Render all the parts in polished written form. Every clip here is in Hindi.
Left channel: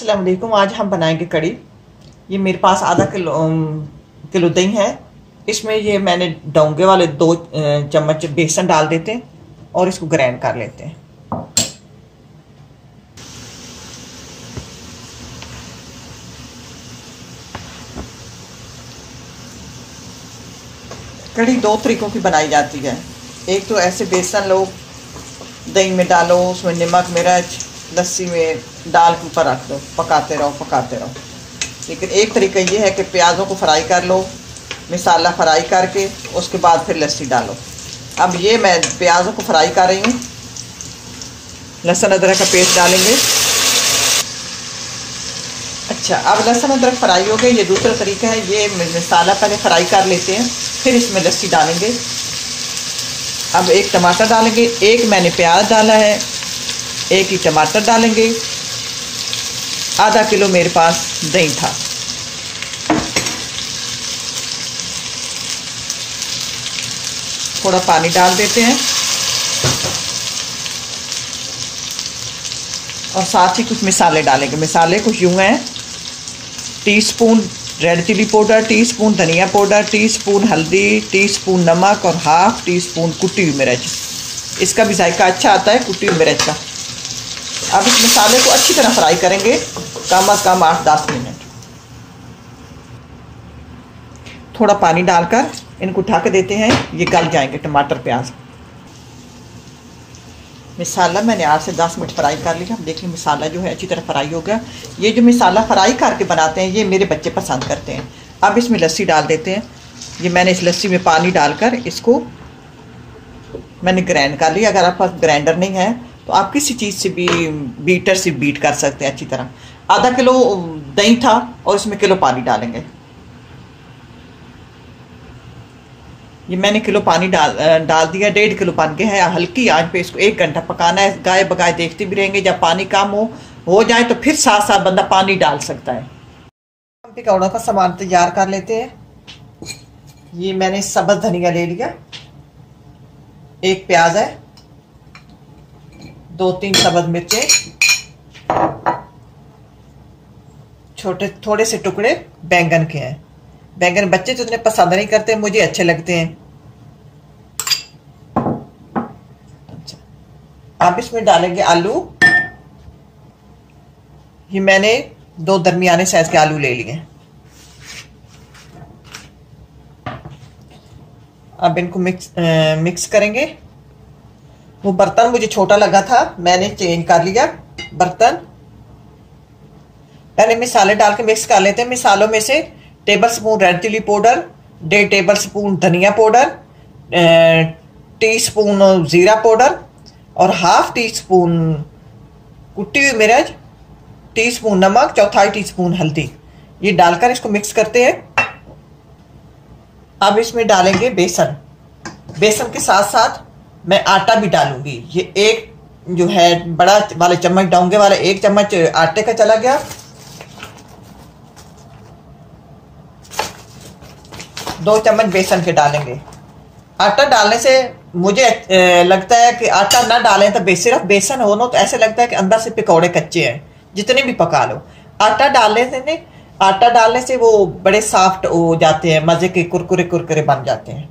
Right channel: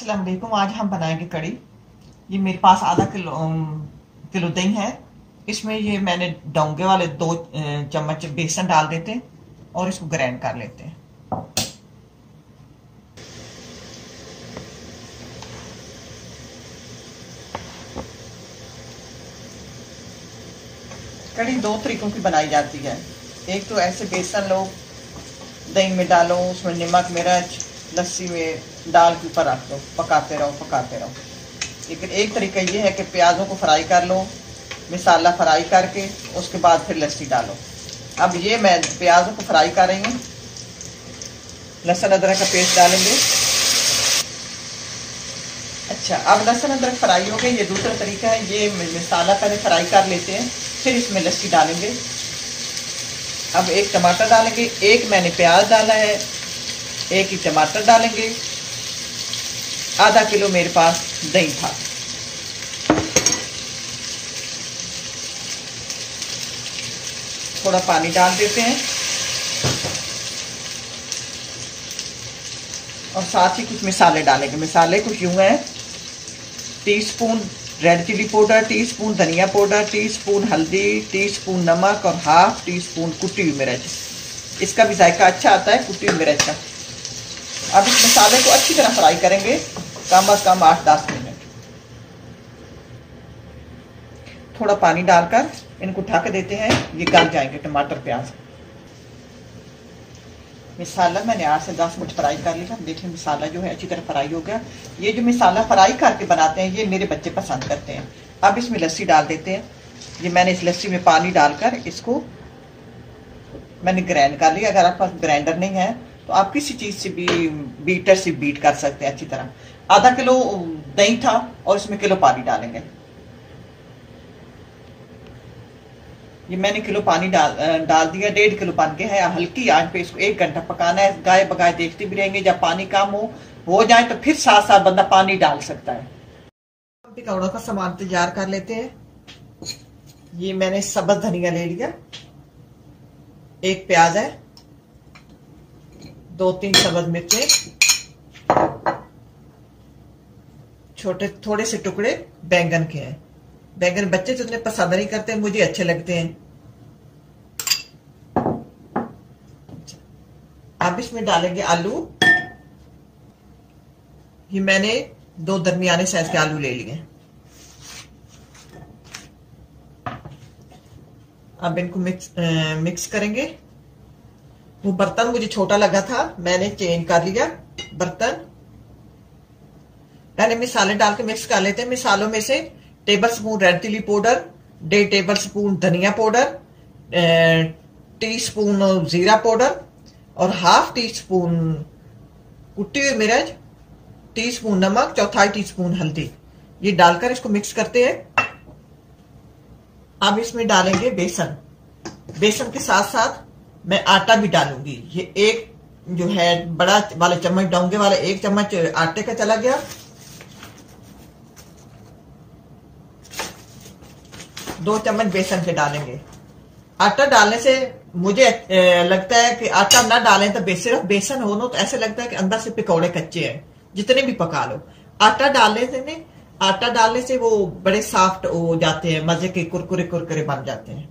अस्सलाम वालेकुम। आज हम बनाएंगे कड़ी। ये मेरे पास आधा किलो किलो दही है। इसमें ये मैंने डोंगे वाले 2 चम्मच बेसन डाल देते हैं और इसको ग्राइंड कर लेते हैं। कड़ी 2 तरीकों की बनाई जाती है। एक तो ऐसे बेसन लो, दही में डालो, उसमें नमक मिर्च लस्सी में डाल के ऊपर रख दो, पकाते रहो पकाते रहो। लेकिन एक तरीका ये है कि प्याज़ों को फ्राई कर लो, मसाला फ्राई करके उसके बाद फिर लस्सी डालो। अब ये मैं प्याज़ों को फ्राई कर रही हूँ। लहसुन अदरक का पेस्ट डालेंगे। अच्छा, अब लहसुन अदरक फ्राई हो गए। ये दूसरा तरीका है, ये मसाला पहले फ्राई कर लेते हैं, फिर इसमें लस्सी डालेंगे। अब एक टमाटर डालेंगे, एक मैंने प्याज डाला है, एक ही टमाटर डालेंगे। आधा किलो मेरे पास दही था। थोड़ा पानी डाल देते हैं और साथ ही कुछ मसाले डालेंगे। मसाले कुछ यूं हैं: teaspoon red chilli powder, teaspoon धनिया पाउडर, टीस्पून हल्दी, टीस्पून नमक और हाफ टीस्पून कुटी हुई मिर्च। इसका भी जायका अच्छा आता है कुटी हुई मिर्च का। अब इस मसाले को अच्छी तरह फ्राई करेंगे, कम से कम 8-10 मिनट। थोड़ा पानी डालकर इनको ढक देते हैं, ये गल जाएंगे टमाटर प्याज। मसाला मैंने 8 से 10 मिनट फ्राई कर लिया। देखिए मसाला जो है अच्छी तरह फ्राई हो गया। ये जो मसाला फ्राई करके बनाते हैं ये मेरे बच्चे पसंद करते हैं। अब इसमें लस्सी डाल देते हैं। ये मैंने इस लस्सी में पानी डालकर इसको मैंने ग्राइंड कर लिया। अगर आपके पास ग्राइंडर नहीं है तो आप किसी चीज़ से भी बीटर से बीट कर सकते हैं अच्छी तरह। आधा किलो दही था और इसमें किलो पानी डालेंगे। ये मैंने किलो पानी डाल दिया। 1.5 किलो पानी के है। हल्की आंच पे इसको 1 घंटा पकाना है। गाय बगाए देखते भी रहेंगे। जब पानी कम हो जाए तो फिर साथ साथ बंदा पानी डाल सकता है। हम पकौड़ा का सामान तैयार कर लेते हैं। ये मैंने सब्ज धनिया ले लिया, 1 प्याज है, 2-3 सब्ज मिर्चें, छोटे थोड़े से टुकड़े बैंगन के हैं। बैंगन बच्चे तो इतने पसंद नहीं करते, मुझे अच्छे लगते हैं। अब इसमें डालेंगे आलू। ये मैंने 2 दरमियाने साइज के आलू ले लिए। अब इनको मिक्स करेंगे। वो बर्तन मुझे छोटा लगा था, मैंने चेंज कर लिया बर्तन। पहले मसाले डाल के मिक्स कर लेते हैं। मसालों में से tablespoon red chilli powder, 1.5 tablespoon धनिया पाउडर, टीस्पून जीरा पाउडर और हाफ टीस्पून कुटी हुई मिर्च, टीस्पून नमक, 1/4 टीस्पून हल्दी। ये डालकर इसको मिक्स करते हैं। अब इसमें डालेंगे बेसन। बेसन के साथ साथ मैं आटा भी डालूंगी। ये एक जो है बड़ा वाले चम्मच, डोंगे वाला 1 चम्मच आटे का चला गया। 2 चम्मच बेसन के डालेंगे। आटा डालने से मुझे लगता है कि आटा ना डालें तो सिर्फ बेसन हो ना तो ऐसे लगता है कि अंदर से पकौड़े कच्चे हैं, जितने भी पका लो। आटा डालने से वो बड़े सॉफ्ट हो जाते हैं, मजे के कुरकुरे कुरकुरे बन जाते हैं।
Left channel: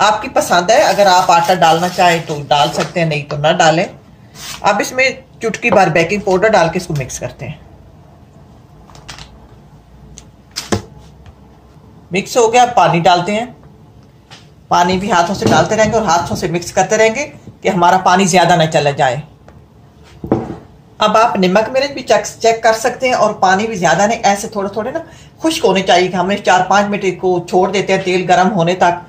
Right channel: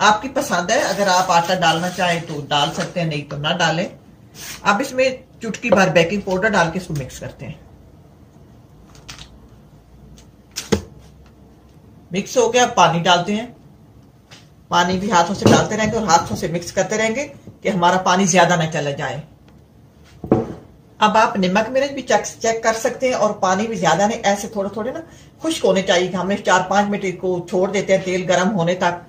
आपकी पसंद है, अगर आप आटा डालना चाहें तो डाल सकते हैं, नहीं तो ना डालें। अब इसमें चुटकी भर बेकिंग पाउडर डाल के इसको मिक्स करते हैं। मिक्स हो गया, पानी डालते हैं। पानी भी हाथों से डालते रहेंगे और हाथों से मिक्स करते रहेंगे कि हमारा पानी ज्यादा ना चला जाए। अब आप नमक मिर्च भी चेक कर सकते हैं और पानी भी ज्यादा नहीं, ऐसे थोड़े थोड़े ना खुश्क होने चाहिए। कि हमने 4-5 मिनट को छोड़ देते हैं तेल गर्म होने तक,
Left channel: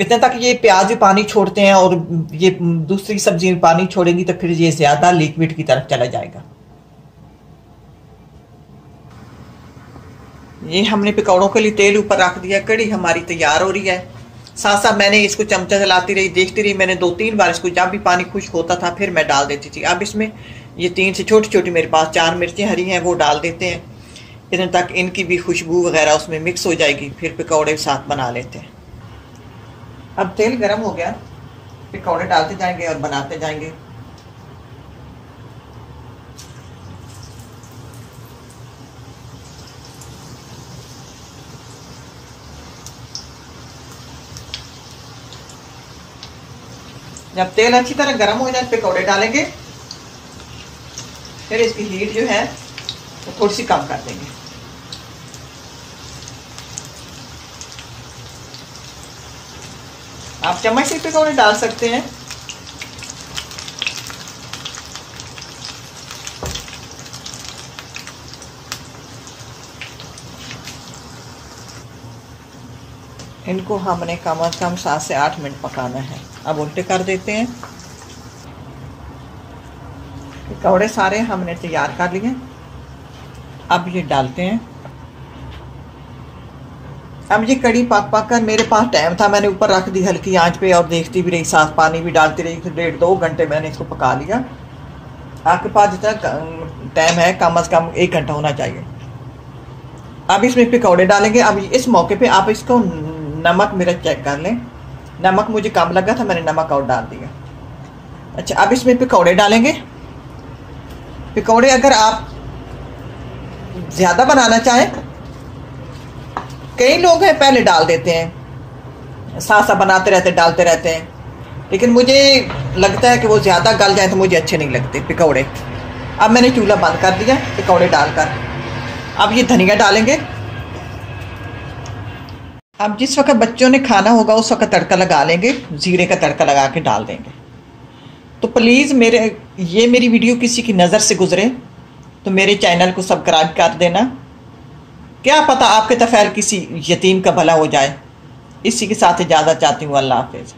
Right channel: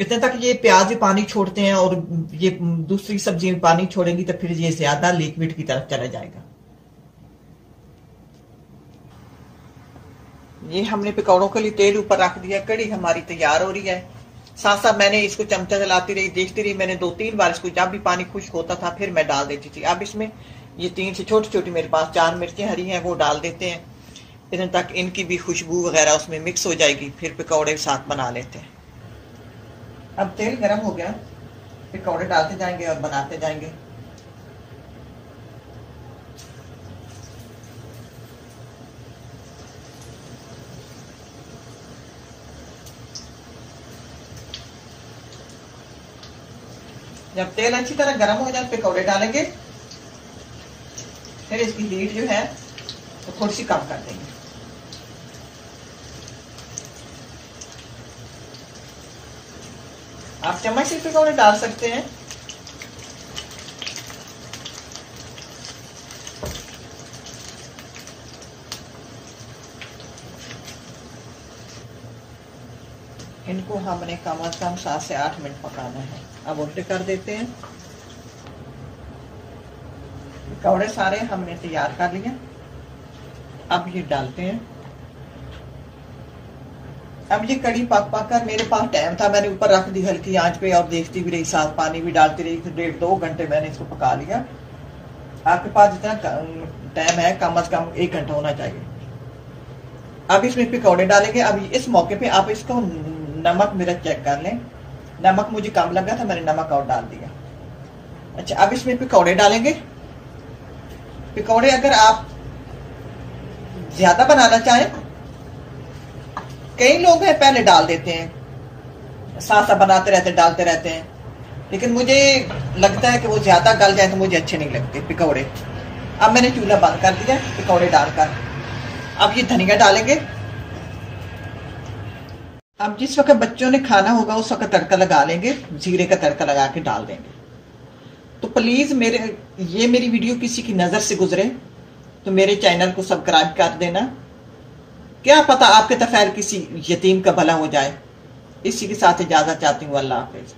इतने तक ये प्याज भी पानी छोड़ते हैं और ये दूसरी सब्जी भी पानी छोड़ेंगी तो फिर ये ज्यादा लिक्विड की तरफ चला जाएगा। ये हमने पकौड़ों के लिए तेल ऊपर रख दिया। कड़ी हमारी तैयार हो रही है। साथ साथ मैंने इसको चमचा चलाती रही, देखती रही। मैंने 2-3 बार इसको, जब भी पानी खुश्क होता था फिर मैं डाल देती थी। अब इसमें ये 3 से छोटी छोटी मेरे पास 4 मिर्चें हरी हैं, वो डाल देते हैं। इतने तक इनकी भी खुशबू वगैरह उसमें मिक्स हो जाएगी, फिर पकौड़े साथ बना लेते हैं। अब तेल गर्म हो गया, पकौड़े डालते जाएंगे और बनाते जाएंगे। जब तेल अच्छी तरह गर्म हो जाए पकौड़े डालेंगे, फिर इसकी हीट जो है तो थोड़ी सी कम कर देंगे। आप चम्मच से पकौड़े डाल सकते हैं। इनको हमने कम से कम 7 से 8 मिनट पकाना है। अब उल्टे कर देते हैं। पकौड़े सारे हमने तैयार कर लिए। अब ये डालते हैं। अब ये कड़ी पक पक कर, मेरे पास टाइम था, मैंने ऊपर रख दी हल्की आंच पे और देखती भी रही, साथ पानी भी डालती रही। 1.5-2 घंटे मैंने इसको पका लिया। आपके पास जितना टाइम है कम से कम 1 घंटा होना चाहिए। अब इसमें पकौड़े डालेंगे। अब इस मौके पे आप इसको नमक मिर्च चेक कर लें। नमक मुझे कम लगा था, मैंने नमक और डाल दिया। अच्छा, अब इसमें पकौड़े डालेंगे। पकौड़े अगर आप ज्यादा बनाना चाहें, कई लोग हैं पहले डाल देते हैं, साथ साथ बनाते रहते डालते रहते हैं, लेकिन मुझे लगता है कि वो ज्यादा गल जाए तो मुझे अच्छे नहीं लगते पकौड़े। अब मैंने चूल्हा बंद कर दिया पकौड़े डालकर। अब ये धनिया डालेंगे। अब जिस वक्त बच्चों ने खाना होगा उस वक्त तड़का लगा लेंगे, जीरे का तड़का लगा के डाल देंगे। तो प्लीज़ मेरी वीडियो किसी की नज़र से गुजरे तो मेरे चैनल को सब्सक्राइब कर देना। क्या पता आपके तफैल किसी यतीम का भला हो जाए। इसी के साथ इजाज़त चाहती हूँ। अल्लाह हाफिज़।